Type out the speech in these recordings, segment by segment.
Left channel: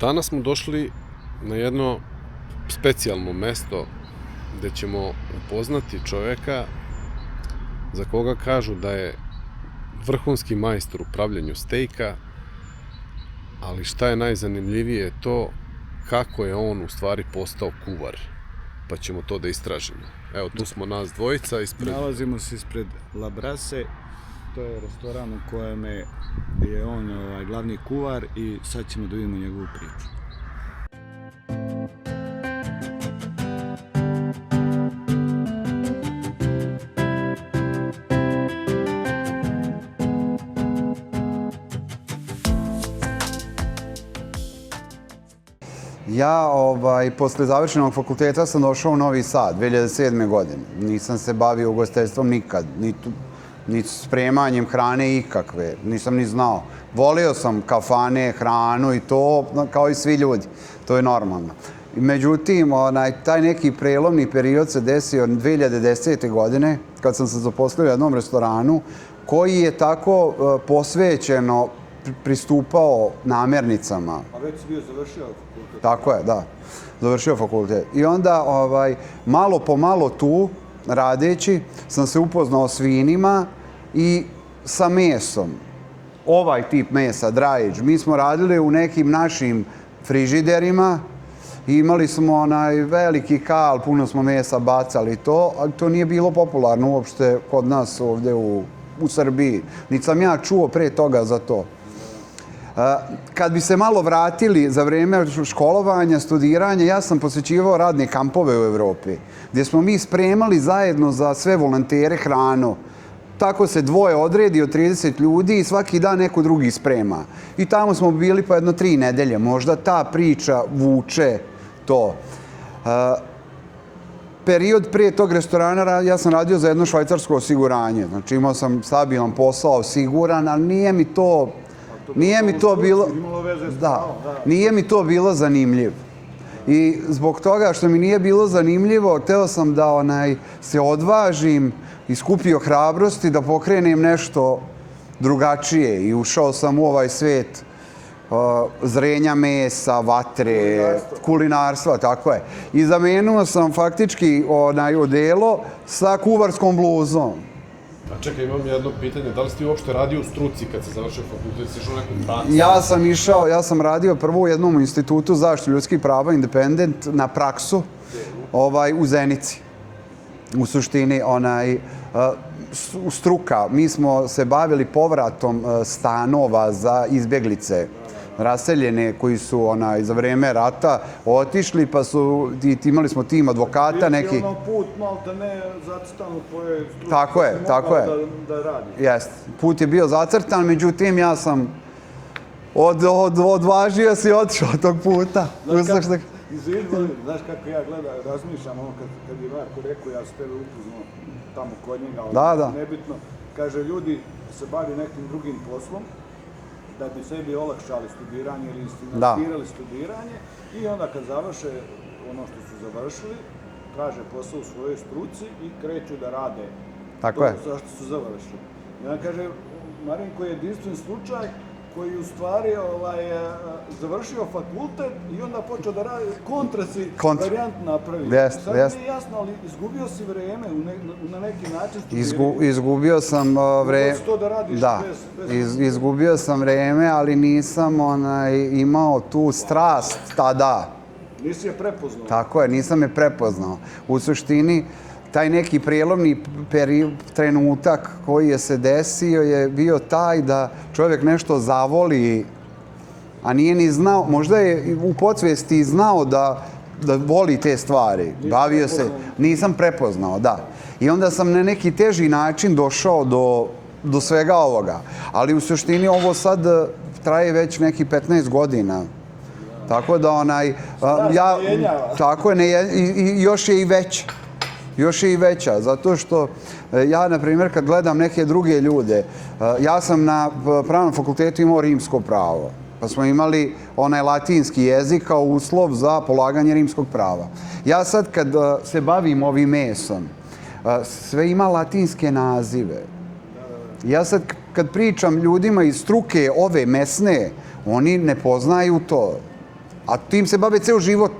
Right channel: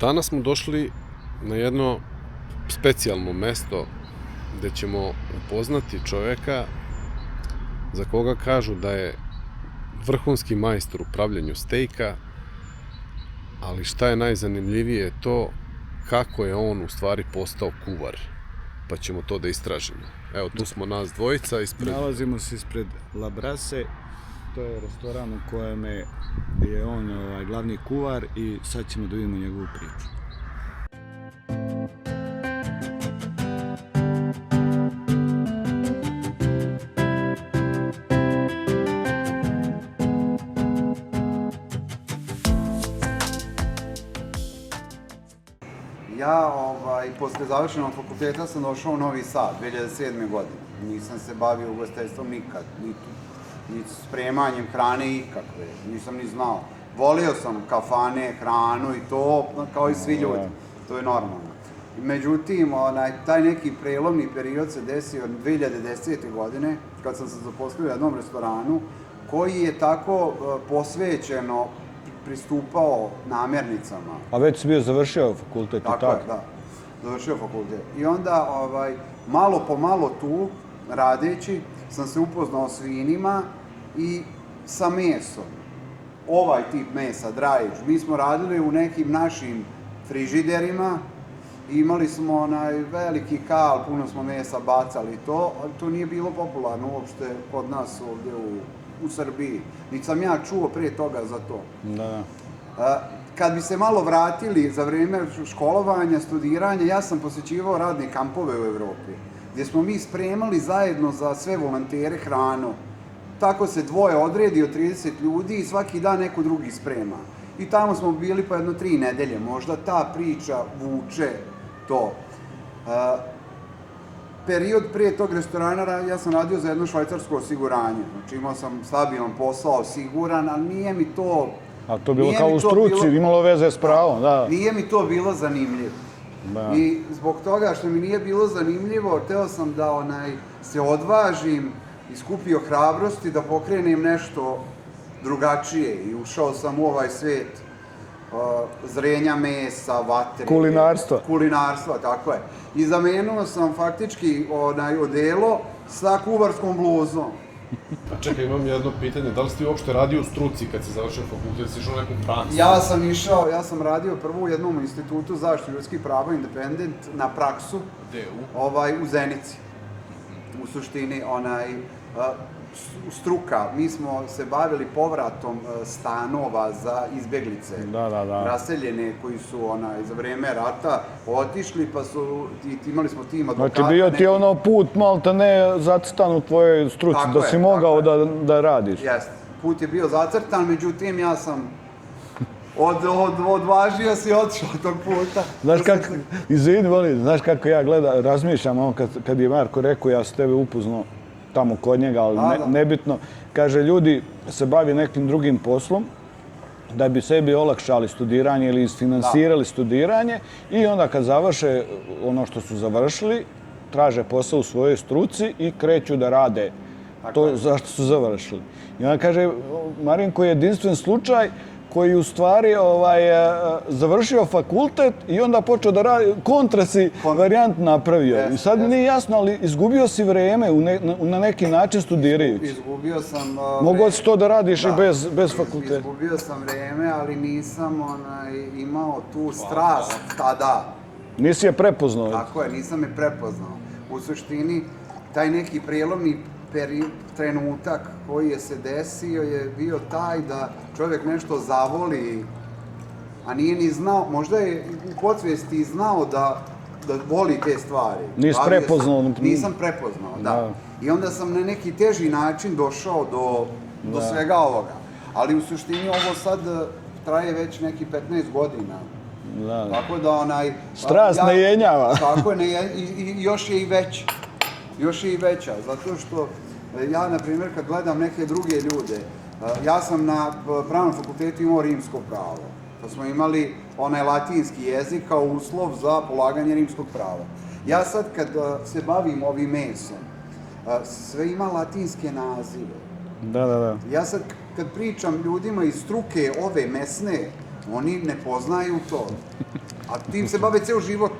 Danas smo došli na jedno specijalno mesto gde ćemo upoznati čoveka za koga kažu da je vrhunski majstor u pravljenju stejka, ali šta je najzanimljivije je to kako je on u stvari postao kuvar, pa ćemo to da istražimo. Evo, tu smo nas dvojica ispred... Nalazimo se ispred La Brase, to je restoran u kojem je on glavni kuvar i sad ćemo da vidimo njegovu priču. Ja, posle završenog fakulteta sam došao u Novi Sad 2007. godine. Nisam se bavio ugostiteljstvom nikad, ni spremanjem hrane ikakve, nisam ni znao. Volio sam kafane, hranu i to, kao i svi ljudi, to je normalno. Međutim, taj neki prelomni period se desio 2010. godine, kad sam se zaposlio u jednom restoranu, koji je tako posvećeno pristupao namirnicama. A već si bio završio fakultet? Tako je, da. Završio fakultet. I onda, malo po malo tu, radeći, sam se upoznao s vinima i sa mesom. Ovaj tip mesa, drajić. Mi smo radili u nekim našim frižiderima i imali smo veliki kal, puno smo mesa bacali to, ali to nije bilo popularno uopšte kod nas ovde u Srbiji. Niti sam ja čuo pre toga za to. Da. Kad bi se malo vratili za vreme školovanja, studiranja, ja sam posjećivao radne kampove u Evropi, gdje smo mi spremali zajedno za sve volontere hranu. Tako se dvoje odredi od 30 ljudi i svaki dan neko drugi sprema. I tamo smo bili po jedno 3 nedelje. Možda ta priča vuče to. Period prije tog restorana ja sam radio za jedno švajcarsko osiguranje. Znači imao sam stabilan posao, siguran, ali nije mi to... A to bilo kao u struci, imalo veze s pravom, da. Nije mi to bilo zanimljivo. I zbog toga što mi nije bilo zanimljivo, hteo sam da se odvažim i skupio hrabrosti da pokrenem nešto drugačije. I ušao sam u ovaj svet zrenja mesa, vatre... Kulinarstva, tako je. I zamenuo sam faktički odelo sa kuvarskom bluzom. A čekaj, imam jedno pitanje. Da li si ti uopšte radio u struci kad se završio fakultet? Si išao neku praksu? Ja sam radio prvo u jednom institutu zaštite ljudskih prava, Independent, na praksu u Zenici. U suštini, struka. Mi smo se bavili povratom stanova za izbjeglice, raseljene koji su za vreme rata otišli, pa su, imali smo tim advokata neki... Dakle, bio ti put malta ne zacrtan u tvojoj struci, da si mogao da radiš. Jeste, put je bio zacrtan, međutim ja sam odvažio se i otišao od tog puta. Znaš kako ja razmišljam, kad je Marko rekao, ja sam tebe upoznao tamo kod njega, ali nebitno. Kaže, ljudi se bavi nekim drugim poslom da bi sebi olakšali studiranje ili isfinansirali studiranje i onda kad završe ono što su završili, traže posao u svojoj struci i kreću da rade to zašto su završili. I onda kaže, Marinko je jedinstven slučaj koji u stvari završio fakultet i onda počeo da radi, kontra si varijant napravio. I sad mi nije jasno, ali izgubio si vreme na neki način studiraju. Izgubio sam vreme. Mogao si to da radiš i bez fakulteta. Izgubio sam vreme, ali nisam imao tu strast tada. Nisi je prepoznao. Tako je, nisam je prepoznao. U suštini, taj neki prijelomni trenutak koji je se desio je bio taj da čovjek nešto zavoli, a nije ni znao, možda je u podsvijesti znao da voli te stvari. Nisi prepoznao. Nisam prepoznao, da. I onda sam na neki teži način došao do svega ovoga. Ali u suštini ovo sad traje već neki 15 godina. Tako da strast ne jenjava. Tako je, i još je i veća. Još je i veća, zato što ja, na primjer, kad gledam neke druge ljude, ja sam na pravnom fakultetu imao rimsko pravo, pa smo imali latinski jezik kao uslov za polaganje rimskog prava. Ja sad kad se bavim ovim mesom, sve ima latinske nazive. Da. Ja sad kad pričam ljudima iz struke ove mesne, oni ne poznaju to. A tim se bave ceo život.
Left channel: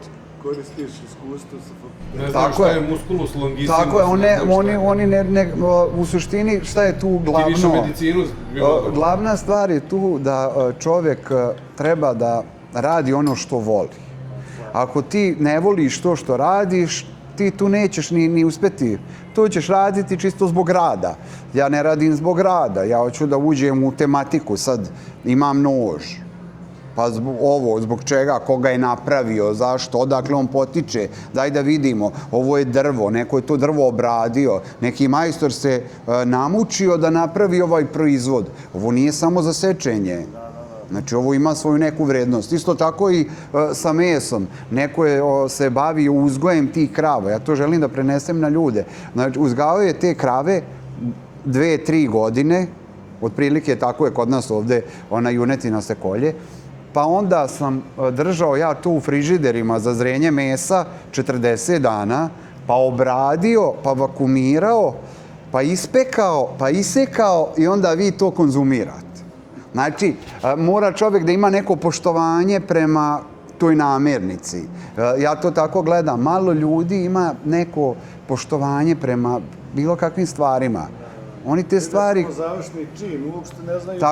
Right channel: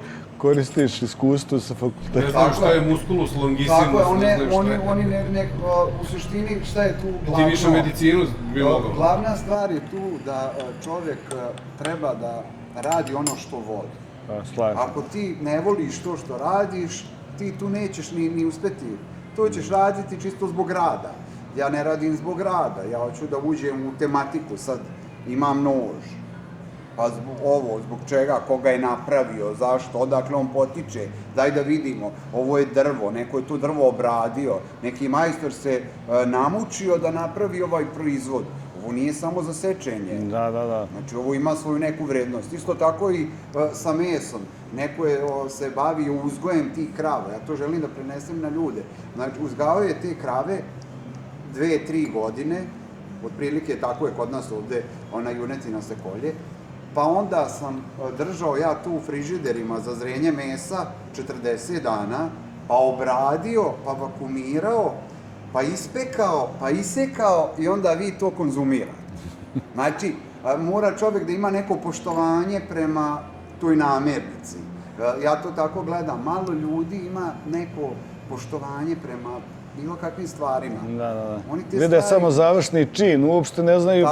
Koristiš iskustvo sa fakulteta. Ne znaju šta je musculus longissimus. Tako je, oni u suštini šta je tu glavno? Ti više medicinu bilo dobro. Glavna stvar je tu da čovjek treba da radi ono što voli. Ako ti ne voliš to što radiš, ti tu nećeš ni uspjeti. To ćeš raditi čisto zbog rada. Ja ne radim zbog rada, ja hoću da uđem u tematiku, sad imam nož. Pa zbog čega, koga je napravio, zašto, odakle on potiče, daj da vidimo, ovo je drvo, neko je to drvo obradio, neki majstor se namučio da napravi ovaj proizvod. Ovo nije samo za sečenje. Da. Znači, ovo ima svoju neku vrednost. Isto tako i sa mesom. Neko je se bavio uzgojem tih krava. Ja to želim da prenesem na ljude. Znači, uzgajao je te krave 2-3 godine, otprilike tako je kod nas ovde, ona junetina se kolje. Pa onda sam držao ja tu u frižiderima za zrenje mesa 40 dana, pa obradio, pa vakumirao, pa ispekao, pa isekao i onda vi to konzumirate. Znači, mora čovjek da ima neko poštovanje prema toj namirnici. Ja to tako gledam. Malo ljudi ima neko poštovanje prema bilo kakvim stvarima. Oni te stvari... Vide samo završni čin, uopšte ne znaju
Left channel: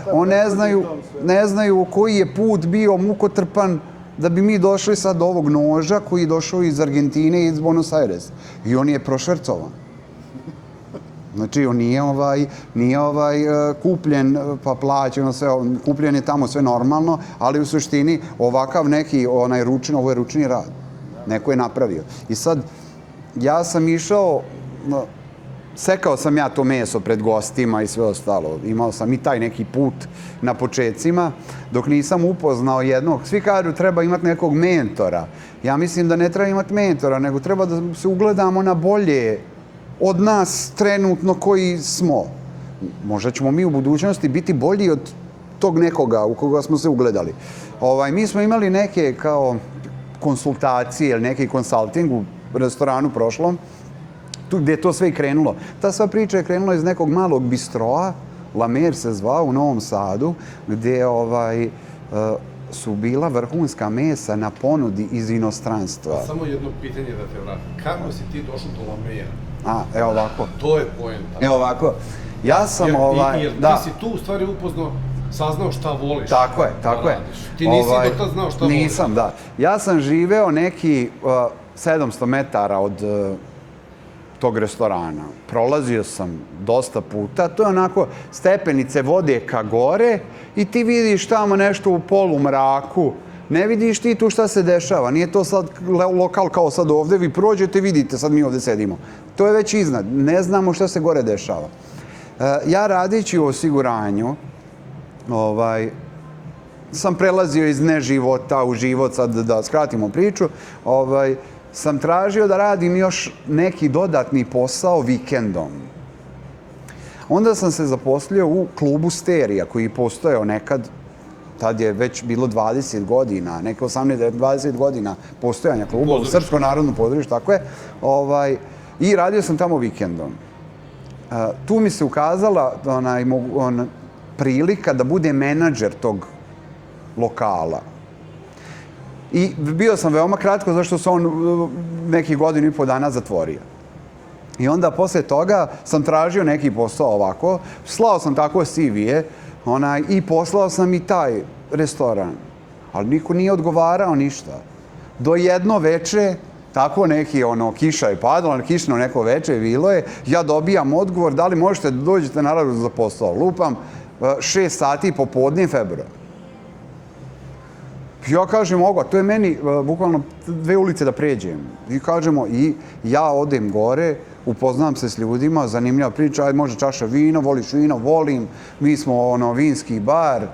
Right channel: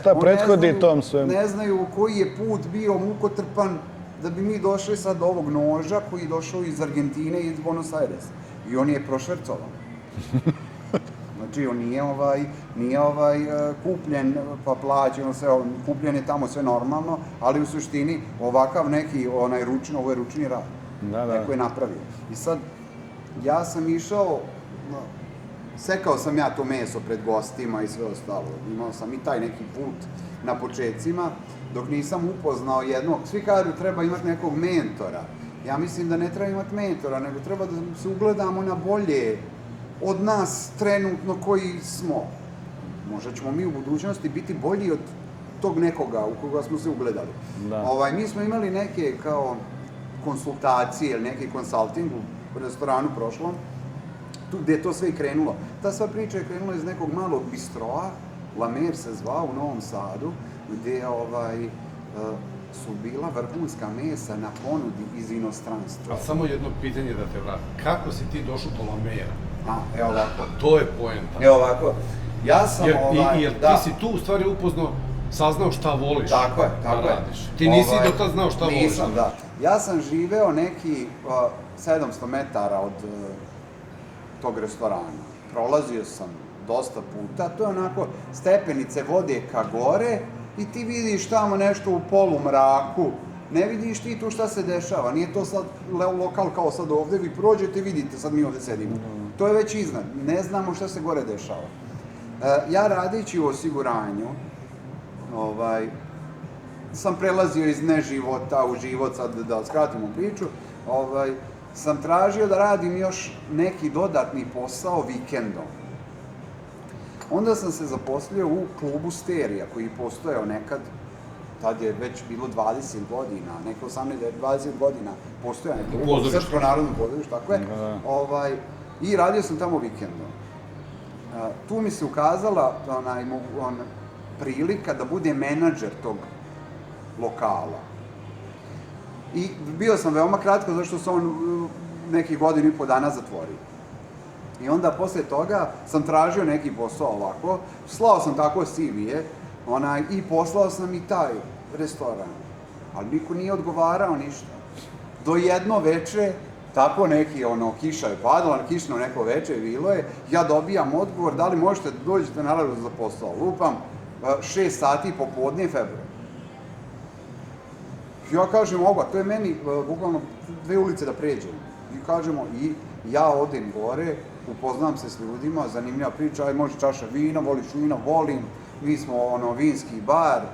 šta prethodi tom svemu. Ne znaju koji je put bio mukotrpan da bi mi došli sad do ovog noža koji je došao iz Argentine i iz Buenos Aires. I on je prošvrcovan. Znači, on nije kupljen pa plaćen, kupljen je tamo sve normalno, ali u suštini ovakav neki ovo je ručni rad. Neko je napravio. I sad, ja sam išao, sekao sam ja to meso pred gostima i sve ostalo. Imao sam i taj neki put na početcima, dok nisam upoznao jednog. Svi kažu treba imati nekog mentora. Ja mislim da ne treba imati mentora, nego treba da se ugledamo na bolje od nas trenutno koji smo. Možda ćemo mi u budućnosti biti bolji od tog nekoga u koga smo se ugledali. Mi smo imali neke kao konsultacije ili neki konsulting u restoranu prošlom, tu gdje je to sve i krenulo. Ta sva priča je krenula iz nekog malog bistroa, La Mer se zvao, u Novom Sadu, gdje su bila vrhunska mesa na ponudi iz inostranstva. Samo jedno pitanje da te vratim. Kako si ti došao do La Mera? Evo ovako. To je poenta. Evo ovako. Ja sam Jer ti si tu u stvari saznao šta voliš. Tako je. Ti nisi do tad znao šta voliš. Nisam, da. Ja sam živeo neki 700 metara od tog restorana. Prolazio sam dosta puta. To je onako, stepenice vode ka gore i ti vidiš tamo nešto u polumraku. Ne vidiš ti tu šta se dešava. Nije to sad lokal kao sad ovde. Vi prođete, vidite, sad mi ovde sedimo. To je već iznad. Ne znamo šta se gore dešava. Ja radići u osiguranju, sam prelazio iz neživota u život, sad da skratimo priču, sam tražio da radim još neki dodatni posao vikendom. Onda sam se zaposlio u klubu Sterija, koji je postojao nekad, tad je već bilo 20 godina, neke 18-20 godina postojanja kluba u Srpsko narodno pozorište, tako je. I radio sam tamo vikendom. Tu mi se ukazala prilika da bude menadžer tog lokala. I bio sam veoma kratko, zašto se on nekih godinu i po dana zatvorio. I onda posle toga sam tražio neki posao ovako, slao sam tako CV-e i poslao sam i taj restoran. Ali niko nije odgovarao ništa. Do jedno veče, tako neki, kiša je padala, kišno neko veče bilo je, ja dobijam odgovor, da li možete da dođete naravno za posao. Lupam, 6 sati popodne februar. Ja kažem, mogu, to je meni bukvalno 2 ulice da pređem. I kažemo, i ja odem gore, upoznam se s ljudima, zanimljiva priča, ajde može čaša vina, voliš vino, volim, mi smo vinski bar,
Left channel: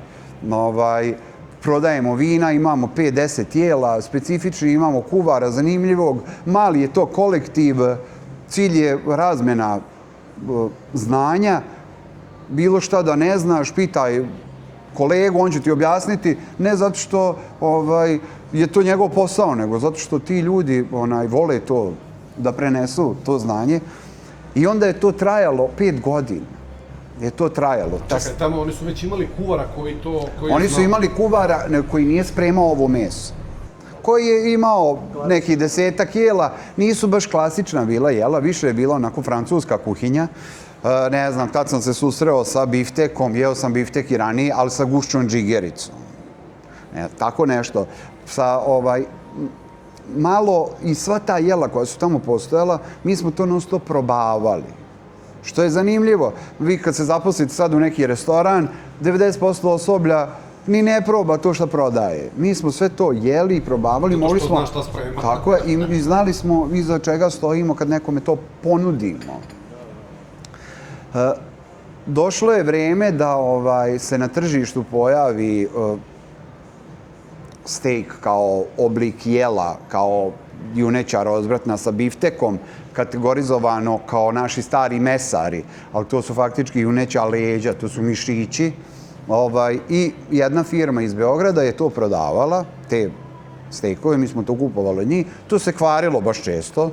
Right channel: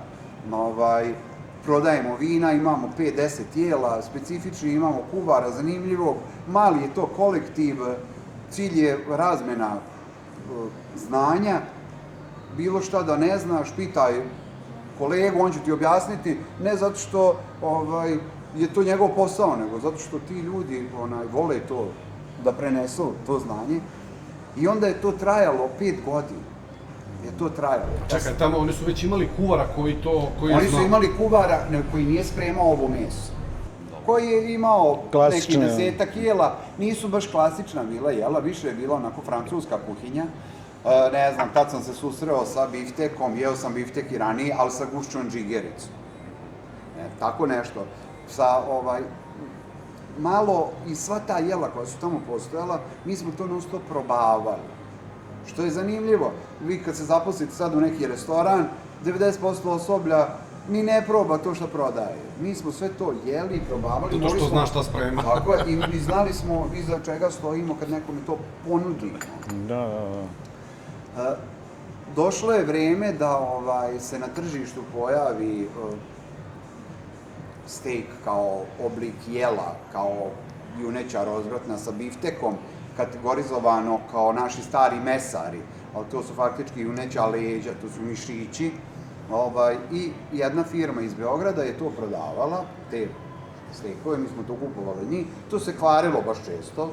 prodajemo vina, imamo 5-10 tijela, specifični, imamo kuvara zanimljivog, mali je to kolektiv, cilj je razmena znanja, bilo šta da ne znaš, pitaj kolegu, on će ti objasniti, ne zato što je to njegov posao, nego zato što ti ljudi vole to da prenesu, to znanje. I onda je to trajalo 5 godina. Čekaj, tamo oni su već imali kuvara koji to... Oni su imali kuvara koji nije spremao ovo meso. koji je imao Klasične. neki 10 jela. Nisu baš klasična bila jela, više je bila onako francuska kuhinja. Ne znam, tad sam se susreo sa biftekom, jeo sam biftek i ranije, ali sa gušćom džigericom. Tako nešto. Sa malo i sva ta jela koja su tamo postojala, mi smo to non stop probavali. Što je zanimljivo. Vi kad se zaposlite sad u neki restoran, 90% osoblja ni ne proba to što prodaje. Mi smo sve to jeli i probavali. Zato što znaš šta sprema. Tako je, i znali smo iza čega stojimo kad nekome to ponudimo. Došlo je vreme da se na tržištu pojavi steak kao oblik jela, kao juneća rozvratna sa biftekom, kategorizovano kao naši stari mesari, ali to su faktički juneća leđa, to su mišići. I jedna firma iz Beograda je to prodavala, te steakove, mi smo to kupovali od njih. To se kvarilo baš često.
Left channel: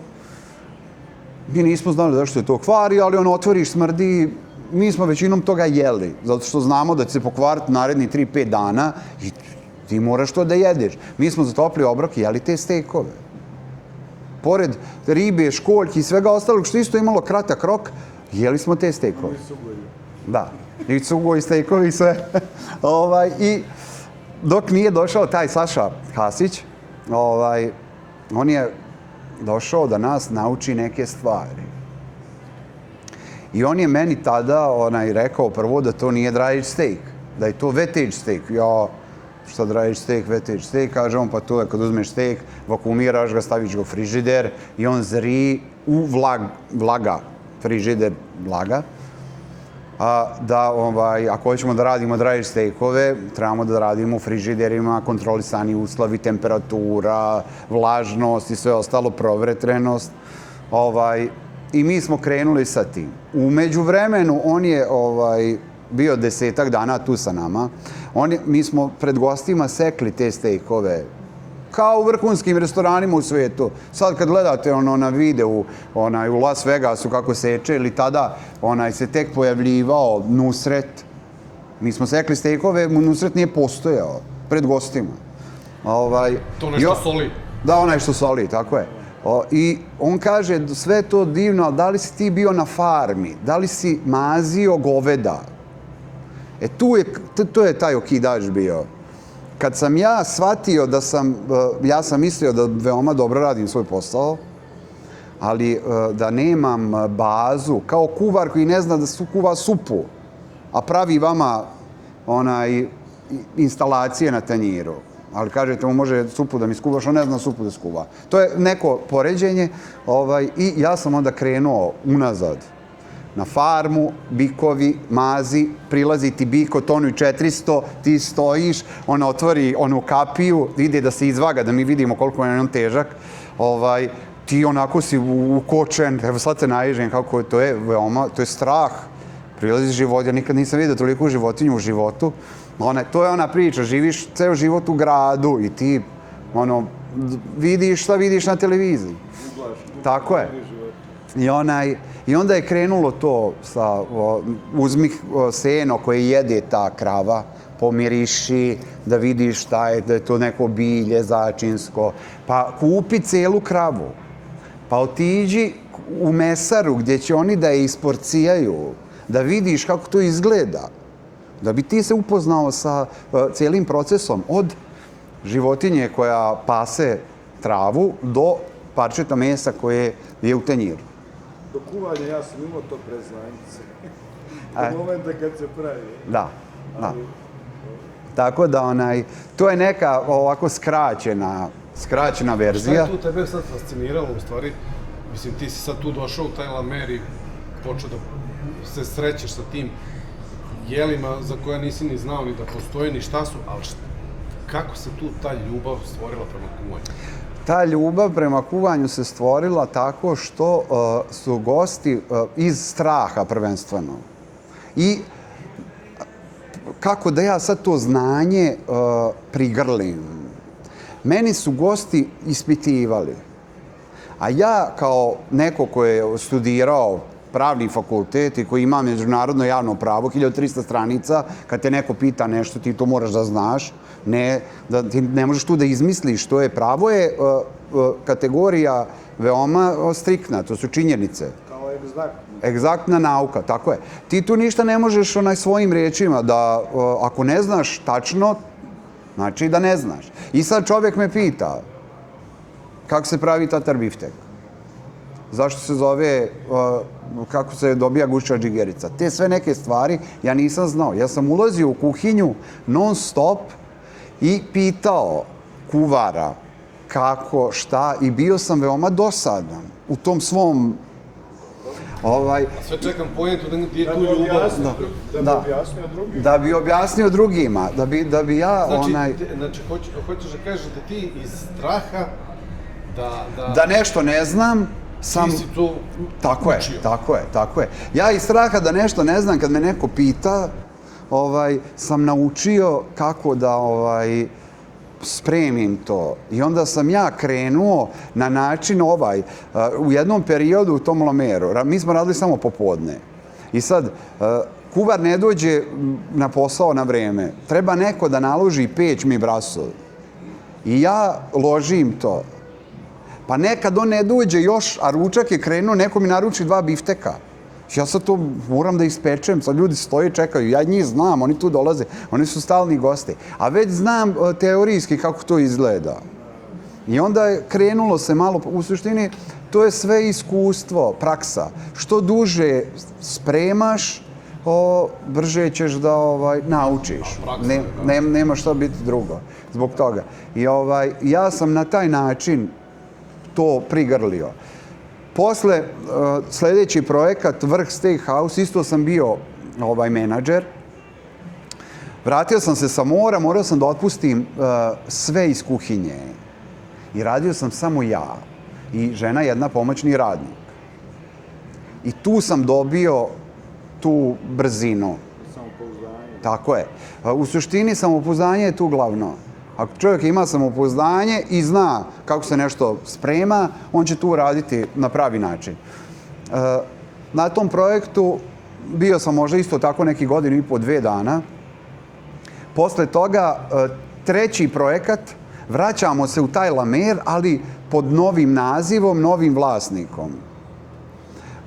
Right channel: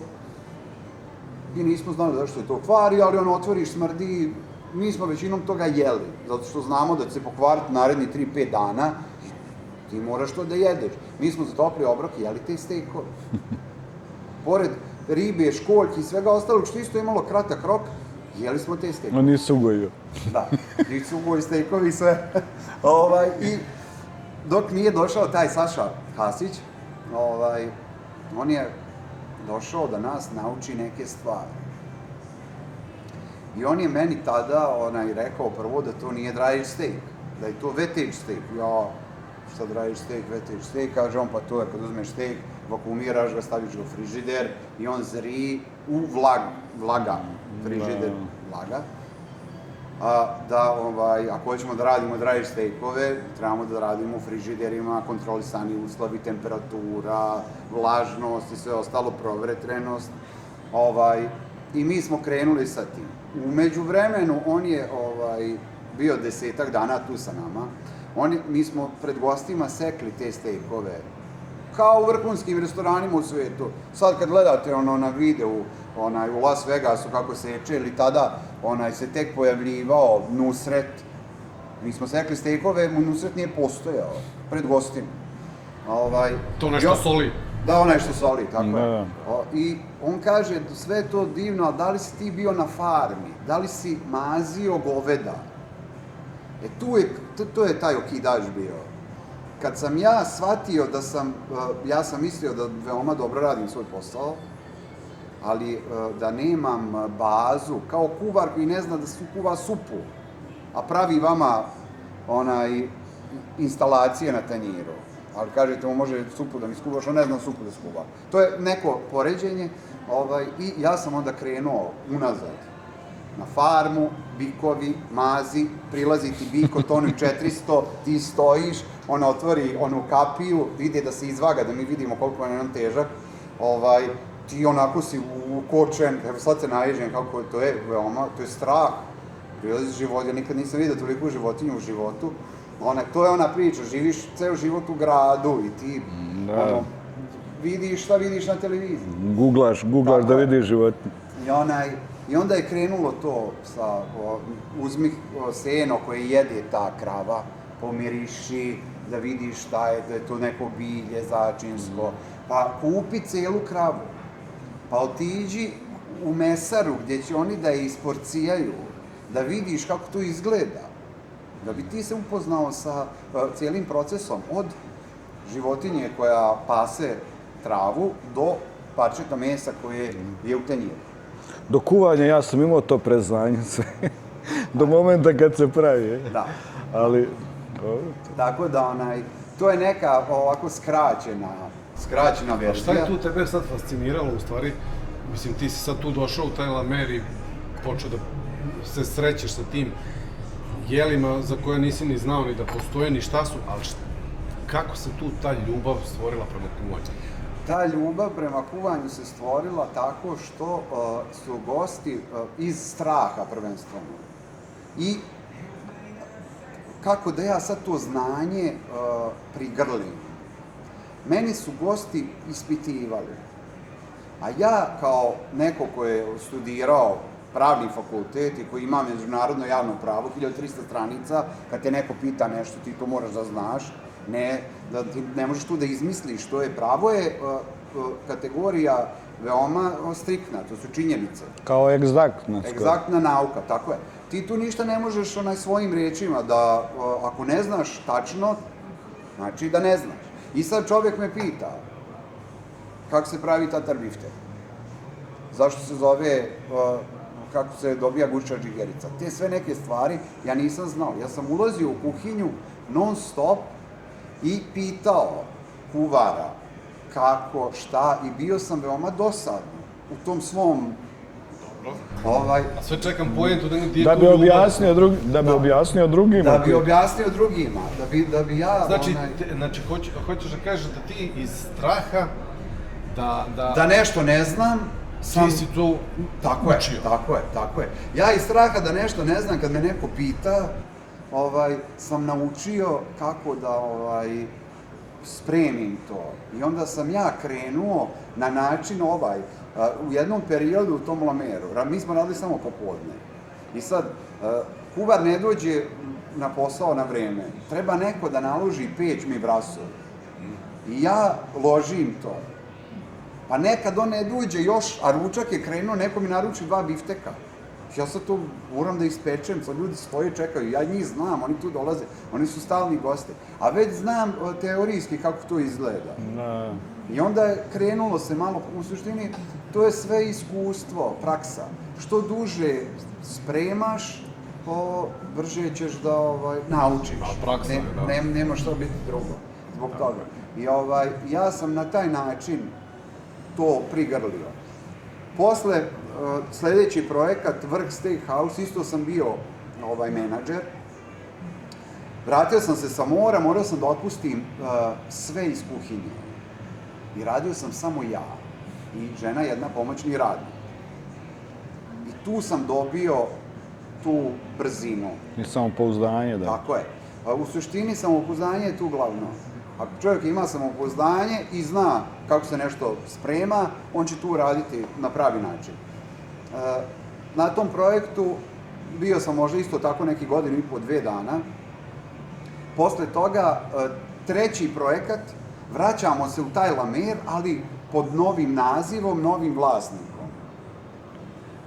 Mi nismo znali zašto je to kvari, ali otvoriš, smrdi. Mi smo većinom toga jeli, zato što znamo da će se pokvariti naredni 3-5 dana i ti moraš to da jedeš. Mi smo za topli obrok jeli te steakove. Pored ribe, školjki i svega ostalog što isto imalo kratak rok, jeli smo te steakove. No nisu ugojio. Da, nisu ugoji steakovi i sve. I dok nije došao taj Saša Hasić, on je došao da nas nauči neke stvari. I on je meni tada rekao prvo da to nije dry aged steak, da je to wet aged steak. Ja, šta dry aged steak, wet aged steak, kaže on, pa to je kad uzmeš steak, vakumiraš ga, staviš ga u frižider i on zri u vlaga, frižider vlaga. Ako hoćemo da radimo dry aged steakove, trebamo da radimo u frižiderima, kontrolisani uslovi, temperatura, vlažnost i sve ostalo, provetrenost. I mi smo krenuli sa tim. U međuvremenu on je bio 10 dana tu sa nama. Mi smo pred gostima sekli te steakove kao u vrhunskim restoranima u svijetu. Sad kad gledate na videu u Las Vegasu kako seče, ili tada se tek pojavljivao Nusret. Mi smo sekli steakove, Nusret nije postojao pred gostima. To nešto soli. Da, onaj što soli, tako je. I on kaže, sve to divno, ali da li si ti bio na farmi? Da li si mazio goveda? Tu je taj okidač bio. Kad sam ja shvatio da ja sam mislio da veoma dobro radim svoj posao, ali da nemam bazu, kao kuvar koji ne zna da kuva supu, a pravi vama instalacije na tanjiru. Ali kažete mu može supu da mi skuvaš, on ne zna supu da skuva. To je neko poređenje i ja sam onda krenuo unazad. Na farmu, bikovi, mazi, prilazi ti bik od tonu i 400, ti stojiš, ona otvori onu kapiju, ide da se izvaga, da mi vidimo koliko je on težak. Ti onako si ukočen, evo sad te naježem kako to je, veoma, to je strah. Prilazi život, ja nikad nisam vidio toliko životinju u životu. To je ona priča, živiš ceo život u gradu i ti vidiš šta vidiš na televiziji. Googlaš da vidiš životinju. I onda je krenulo to sa uzmi seno koje jede ta krava, pomiriši, da vidiš šta je, da je to neko bilje začinsko, pa kupi celu kravu, pa otiđi u mesaru gdje će oni da je isporcijaju, da vidiš kako to izgleda, da bi ti se upoznao sa cijelim procesom od životinje koja pase travu do parčeta mesa koje je u tanjiru. Do kuvanja ja sam imao to preznanje sve. Do momenta kad se pravi. Da. Ali... Tako da to je neka ovako skraćena verzija. Šta je tu tebe sad fasciniralo u stvari? Mislim, ti si sad tu došao u taj Lamer i počeo da se srećeš sa tim jelima za koje nisi ni znao ni da postoje, ni šta su, ali kako se tu ta ljubav stvorila prema kuvanju? Ta ljubav prema kuvanju se stvorila tako što su gosti iz straha prvenstveno. I kako da ja sad to znanje prigrlim. Meni su gosti ispitivali. A ja kao neko ko je studirao pravni fakultet i koji ima međunarodno javno pravo, 1300 stranica, kad te neko pita nešto, ti to moraš da znaš. Da ti ne možeš tu da izmisliš što je pravo je kategorija veoma striktna, to su činjenice. Kao egzaktna. Egzaktna nauka, tako je. Ti tu ništa ne možeš svojim riječima da, ako ne znaš tačno, znači da ne znaš. I sad čovjek me pita kako se pravi tatar biftek. Zašto se zove, kako se dobija gušća džigerica. Te sve neke stvari ja nisam znao. Ja sam ulazio u kuhinju non stop i pitao kuvara kako, šta i bio sam veoma dosadan u tom svom... A sve čekam pojentu da ti je da tu bi ljubav. objasnio drugima. Da bi objasnio drugima, da bi ja... Znači, hoćeš da kažeš da ti iz straha da nešto ne znam, ti si tu učio. Tako je. Ja iz straha da nešto ne znam, kad me neko pita, sam naučio kako da spremim to. I onda sam ja krenuo na način u jednom periodu u tom Lameru. Mi smo radili samo popodne. I sad, kuvar ne dođe na posao na vreme. Treba neko da naloži peć mi brasov. I ja ložim to. Pa nekad on ne dođe još, a ručak je krenuo, neko mi naruči 2 bifteka. Ja sad to moram da ispečem, sad ljudi stoje, čekaju, ja njih znam, oni tu dolaze, oni su stalni gosti. A već znam teorijski kako to izgleda. I onda je krenulo se malo, u suštini, to je sve iskustvo, praksa. Što duže spremaš, brže ćeš da naučiš. Nema što biti drugo zbog toga. I ja sam na taj način to prigrlio. Posle, sljedeći projekat, Vrh Steakhouse, isto sam bio menadžer. Vratio sam se sa mora, morao sam da otpustim sve iz kuhinje. I radio sam samo ja i žena jedna pomoćni radnik. I tu sam dobio tu brzinu. I samopouzdanje. Tako je. U suštini samopouzdanje je tu glavno. Ako čovjek ima samopouzdanje i zna kako se nešto sprema, on će tu raditi na pravi način. Na tom projektu bio sam možda isto tako neki 1,5 – 2 dana. Posle toga, 3. projekat, vraćamo se u taj Lamer, ali pod novim nazivom, novim vlasnikom.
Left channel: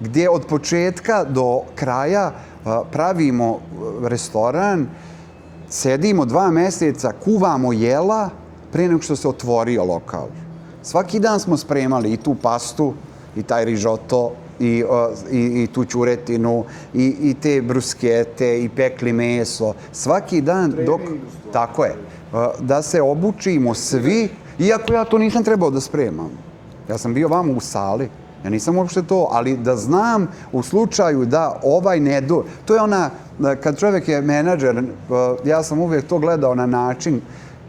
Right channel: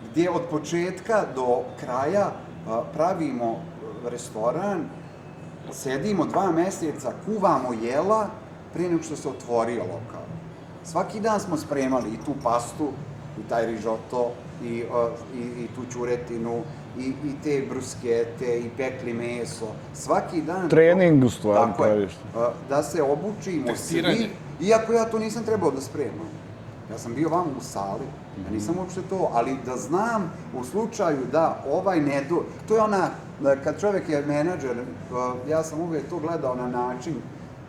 Gdje od početka do kraja pravimo restoran, sedimo 2 mjeseca, kuvamo jela prije nego što se otvorio lokal. Svaki dan smo spremali i tu pastu, i taj rižoto, i tu ćuretinu, i te bruskete, i pekli meso. Svaki dan... Trening u stvari. Tako je. Da se obučimo svi, iako ja to nisam trebao da spremam. Ja sam bio vamo u sali. Ja nisam uopšte to, ali da znam u slučaju da ne do... To je ona, kad čovjek je menadžer, ja sam uvijek to gledao na način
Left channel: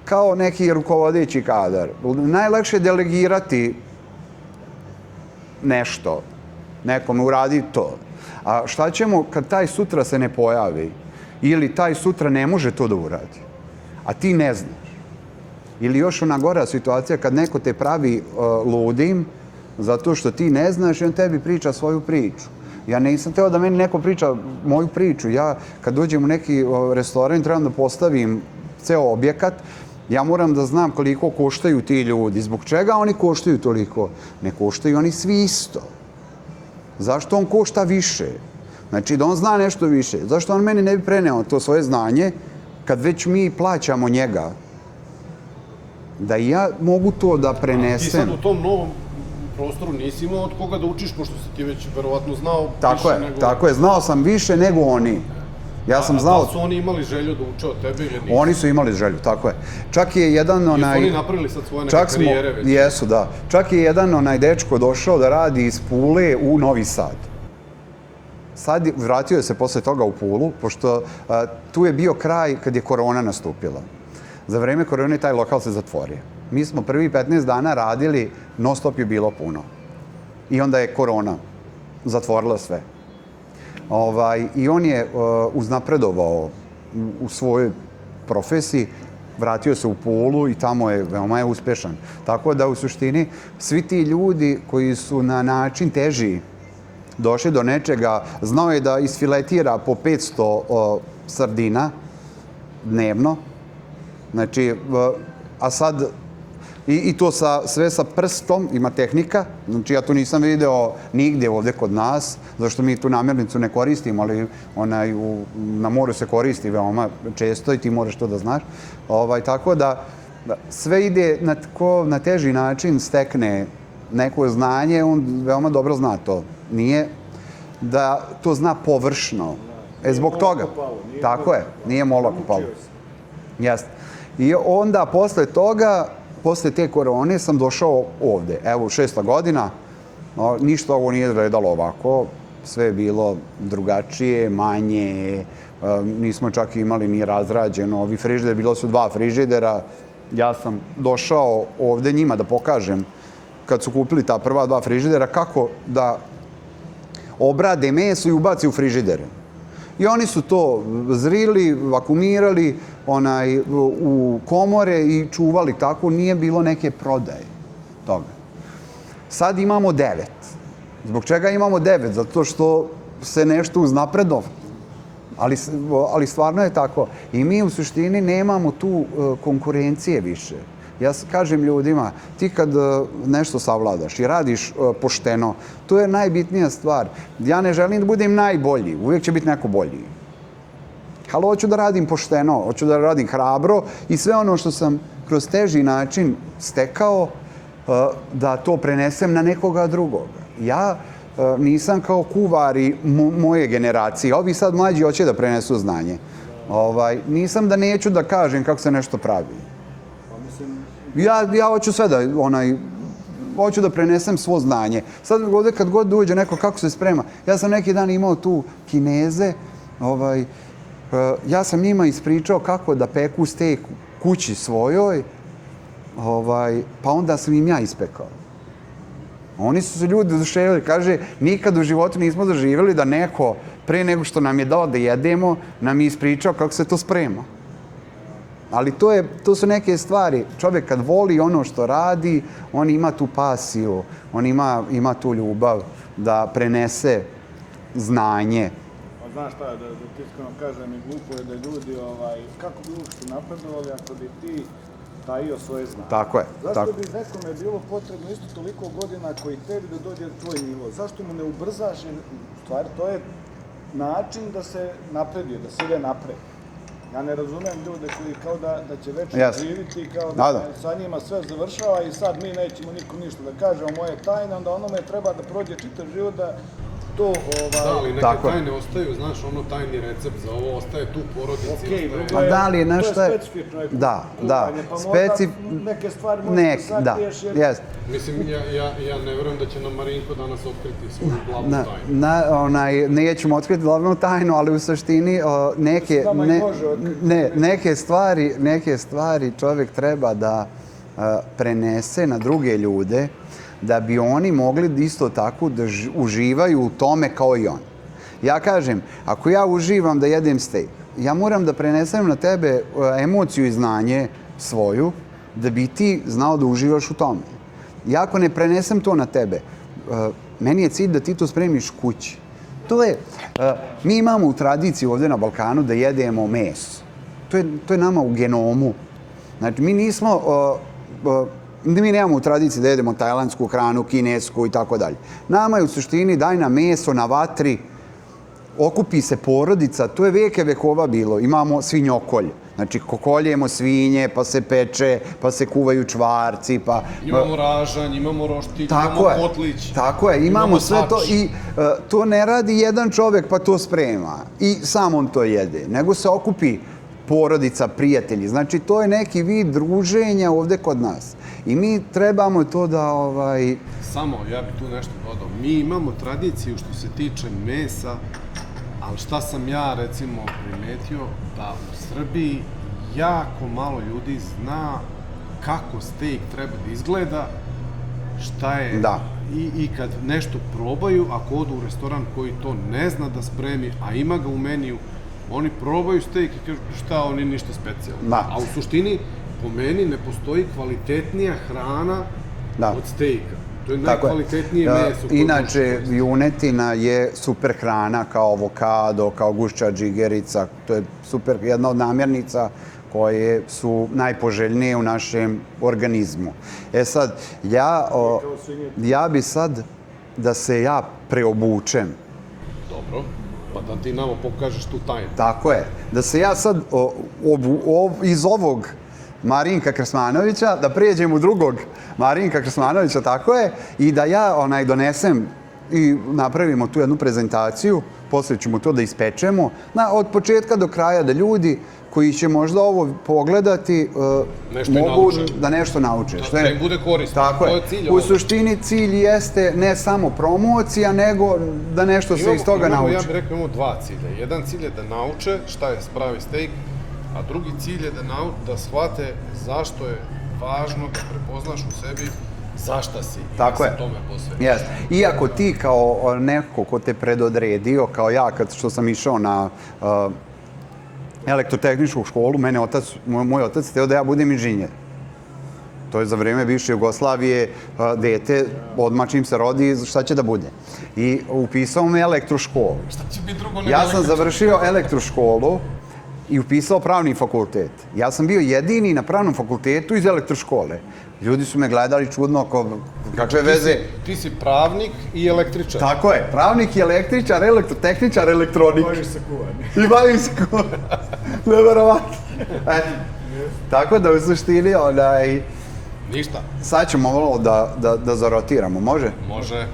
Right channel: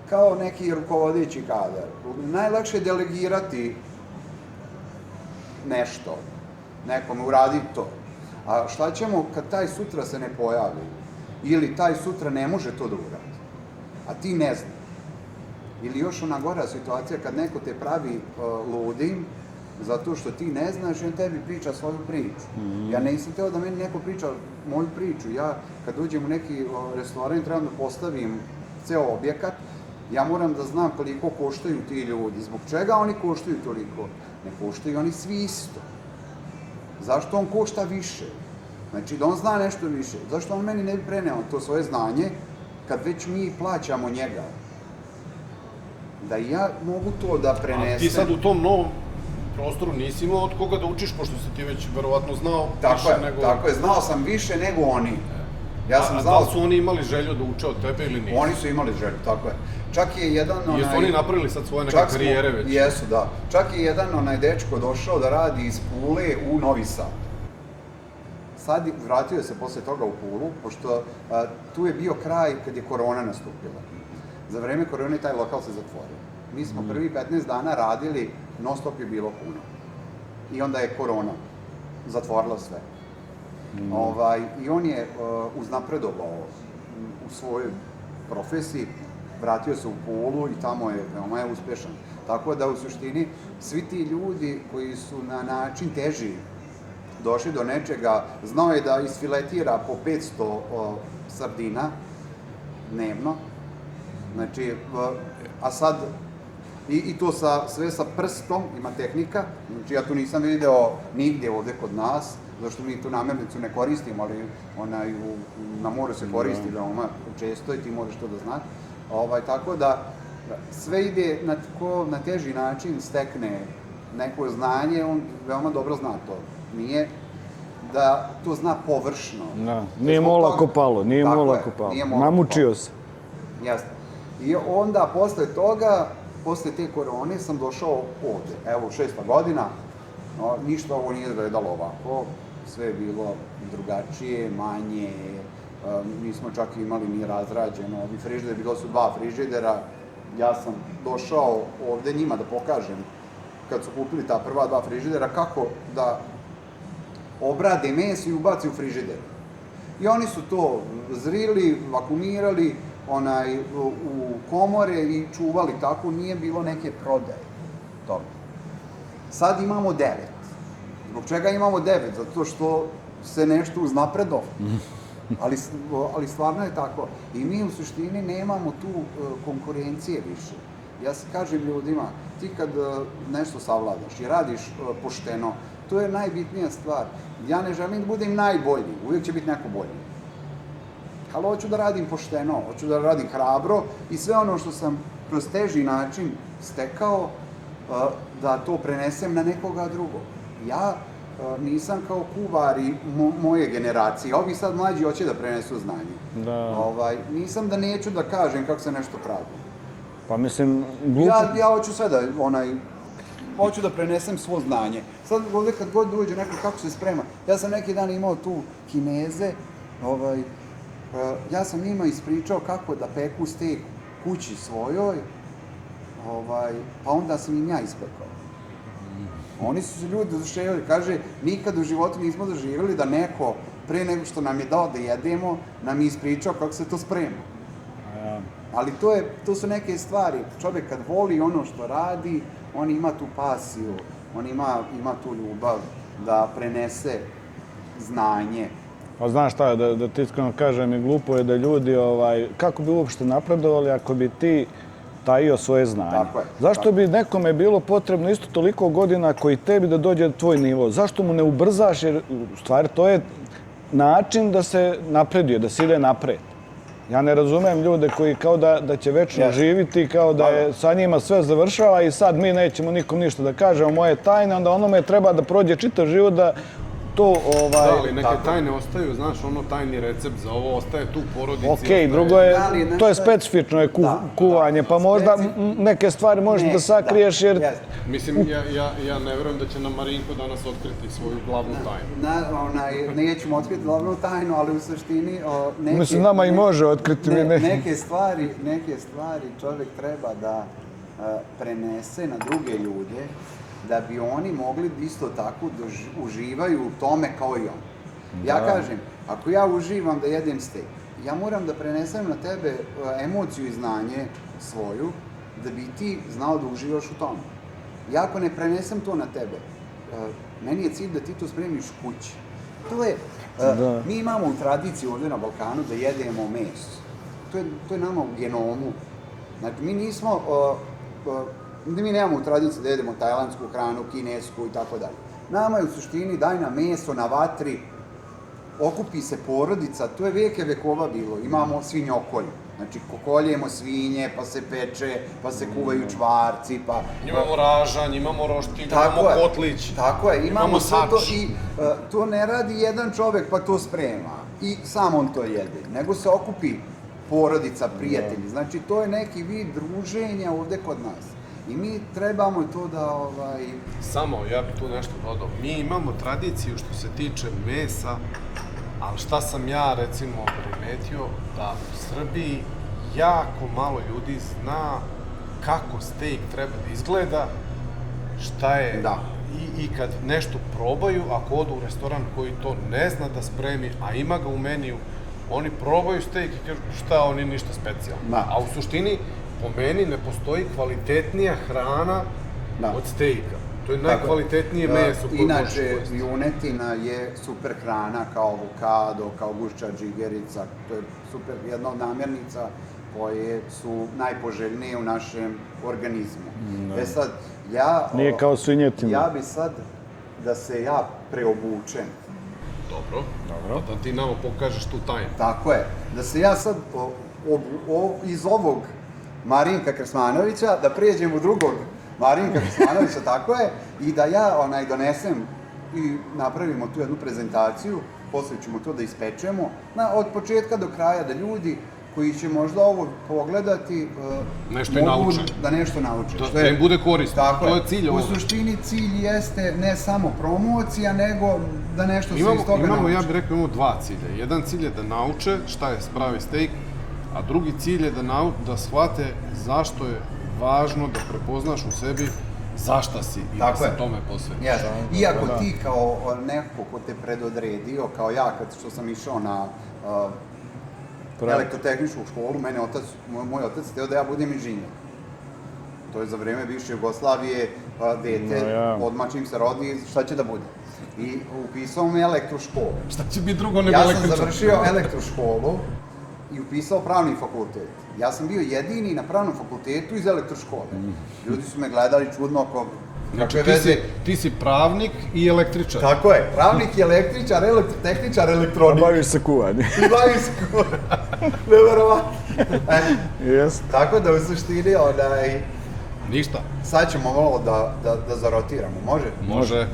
kao neki rukovodeći kadar. Najlakše je delegirati nešto, nekome uradi to. A šta ćemo kad taj sutra se ne pojavi ili taj sutra ne može to da uradi, a ti ne znaš. Ili još ona gora situacija kad neko te pravi ludim zato što ti ne znaš i on tebi priča svoju priču. Ja nisam teo da meni neko priča moju priču. Ja kad dođem u neki restoran trebam da postavim ceo objekat. Ja moram da znam koliko koštaju ti ljudi. Zbog čega oni koštaju toliko? Ne koštaju oni svi isto. Zašto on košta više? Znači da on zna nešto više. Zašto on meni ne bi preneo to svoje znanje kad već mi plaćamo njega? Da ja mogu to da prenesem. A ti sad u tom novom prostoru nisi imao od koga da učiš, pošto si ti već verovatno znao više nego... Tako je, znao sam više nego oni. Ja sam znao... A da li su oni imali želju da uče od tebe ili nisu? Oni su imali želju, tako je. Čak je jedan Jesu oni napravili sad svoje neke karijere već? Jesu, da. Čak je jedan dečko došao da radi iz Pule u Novi Sad. Sad vratio se posle toga u Pulu, pošto tu je bio kraj kad je korona nastupila. Za vreme korone taj lokal se zatvorio. Mi smo prvi 15 dana radili, non stop je bilo puno. I onda je korona zatvorila sve. I on je uznapredovao u svojoj profesiji, vratio se u Pulu i tamo je veoma uspešan. Tako da u suštini svi ti ljudi koji su na način teži došli do nečega, znao je da isfiletira po 500 sardina dnevno Znači, a sad, i to sve sa prstom, ima tehnika, znači ja to nisam video nigdje ovdje kod nas, zašto mi tu namirnicu ne koristimo, ali na moru se koristi veoma često i ti moraš to da znaš. Tako da sve ide na teži način stekne neko znanje, on veoma dobro zna to. Nije da to zna površno. Nije molako palo. Nije molako palo. Namučio se. Jeste. I onda posle toga, posle te korone sam došao ovde. Evo, 6. godina, ništa ovo nije redalo ovako. Sve je bilo drugačije, manje, nismo čak imali ni razrađeno. Ovi frižideri, bilo su 2 frižidera. Ja sam došao ovde njima da pokažem, kad su kupili ta prva 2 frižidera, kako da obrade meso i ubaci u frižidere. I oni su to zrili, vakumirali u komore i čuvali tako, nije bilo neke prodaje toga. Sad imamo 9. Zbog čega imamo 9? Zato što se nešto uznapredovalo. Ali stvarno je tako. I mi u suštini nemamo tu konkurencije više. Ja kažem ljudima, ti kad nešto savladaš i radiš pošteno, to je najbitnija stvar. Ja ne želim da budem najbolji, uvijek će biti neko bolji. Ali hoću da radim pošteno, hoću da radim hrabro i sve ono što sam kroz teži način stekao, da to prenesem na nekoga drugog. Ja nisam kao kuvari moje generacije. Ovi sad mlađi hoće da prenesu znanje. Nisam da neću da kažem kako se nešto pravi. Pa mislim... Ja hoću sve da, hoću da prenesem svo znanje. Sad ovdje kad god dođe neko kako se sprema, ja sam neki dan imao tu Kineze, ja sam njima ispričao kako da peku stejk kući svojoj, pa onda sam im ja ispekao. Oni su se ljudi oduševili, kaže, nikad u životu nismo doživjeli da neko, pre nego što nam je dao da jedemo, nam je ispričao kako se to sprema. Ali to su neke stvari. Čovjek kad voli ono što radi, on ima tu pasiju, on ima tu ljubav da prenese znanje. Pa znaš šta, da ti iskreno kažem, glupo je da ljudi, kako bi uopšte napredovali ako bi ti tajio svoje znanje. Tako je. Zašto bi nekome bilo potrebno isto toliko godina koji tebi da dođe na tvoj nivo? Zašto mu ne ubrzaš? Jer u stvari to je način da se napredio, da se ide napred. Ja ne razumem ljude koji kao da će večno živiti, kao da je sa njima sve završava i sad mi nećemo nikom ništa da kažemo moje tajne, onda onome treba da prođe čitav život da to... Da, ali neke tajne ostaju, znaš, tajni recept za ovo ostaje tu u porodici. Okej, drugo je, to je specifično kuvanje, pa možda neke stvari možeš da sakriješ jer... Mislim, ja ne vjerujem da će nam Marinko danas otkriti svoju glavnu tajnu. Nećemo otkriti glavnu tajnu, ali u suštini Mislim, nama i može otkriti. Neke stvari čovjek treba da prenese na druge ljude, da bi oni mogli isto tako da uživaju u tome kao i on. Ja kažem, ako ja uživam da jedem stejk, ja moram da prenesem na tebe emociju i znanje svoju, da bi ti znao da uživaš u tome. Ja ako ne prenesem to na tebe, meni je cilj da ti to spremiš kući. Mi imamo u tradiciji ovdje na Balkanu da jedemo meso. To je nama u genomu. Znači, mi nemamo u tradiciji da jedemo tajlandsku hranu, kinesku i tako dalje. Nama je u suštini daj nam meso na vatri, okupi se porodica, to je veke vekova bilo. Imamo svinjokolje. Znači, kokoljemo svinje, pa se peče, pa se kuvaju čvarci, pa... Imamo ražanj, imamo roštilj, imamo kotlić. Tako je, imamo sve to i to ne radi jedan čovjek pa to sprema i sam on to jede, nego se okupi porodica, prijatelji. Znači, to je neki vid druženja ovdje kod nas. I mi trebamo to da... Samo, ja bih tu nešto dodao. Mi imamo tradiciju što se tiče mesa, ali šta sam ja, recimo, primetio, da u Srbiji jako malo ljudi zna kako stejk treba da izgleda, šta je... I kad nešto probaju, ako odu u restoran koji to ne zna da spremi, a ima ga u meniju, oni probaju stejk i kažu šta, oni ništa specijalno. A u suštini, po meni, ne postoji kvalitetnija hrana od stejka. To je najkvalitetnije meso. Inače, junetina je super hrana kao avokado, kao gušća džigerica. To je super, jedna od namirnica koje su najpoželjnije u našem organizmu. E sad, Nije kao svinjetina. ja bi sad da se ja preobučem. Dobro. Pa da ti nama pokažeš tu tajnu. Tako je. Da se ja sad iz ovog Marinka Krsmanovića, da prijeđem u drugog Marinka Krsmanovića, tako je, i da ja donesem i napravimo tu jednu prezentaciju, poslije ćemo to da ispečemo, od početka do kraja, da ljudi koji će možda ovo pogledati mogu da nešto nauče. Da im bude korisno. Tako je. To je cilj ovoga. U suštini cilj jeste ne samo promocija, nego da nešto se iz toga nauči. Ja bih rekao, imamo dva cilja. Jedan cilj je da nauče šta je pravi steak, a drugi cilj je da shvate zašto je važno da prepoznaš u sebi zašta si i da se tome posvetiš. Iako ti kao neko ko te predodredio, kao ja što sam išao na elektrotehničku školu, moj otac hteo da ja budem inženjer. To je za vreme bivše Jugoslavije, dete, odmah čim se rodi, šta će da bude. I upisao me elektroškolu. Šta će biti drugo nego električar? Ja sam završio elektroškolu i upisao pravni fakultet. Ja sam bio jedini na pravnom fakultetu iz elektroškole. Ljudi su me gledali čudno, kakve veze. Ti si pravnik i električar. Tako je, pravnik i električar, elektrotehničar, elektronik. Bavim se kuvanjem. I bavim se kuvanjem. Neverovatno. Tako da u suštini, ništa. Sad ćemo ovo da zarotiramo, može? Može.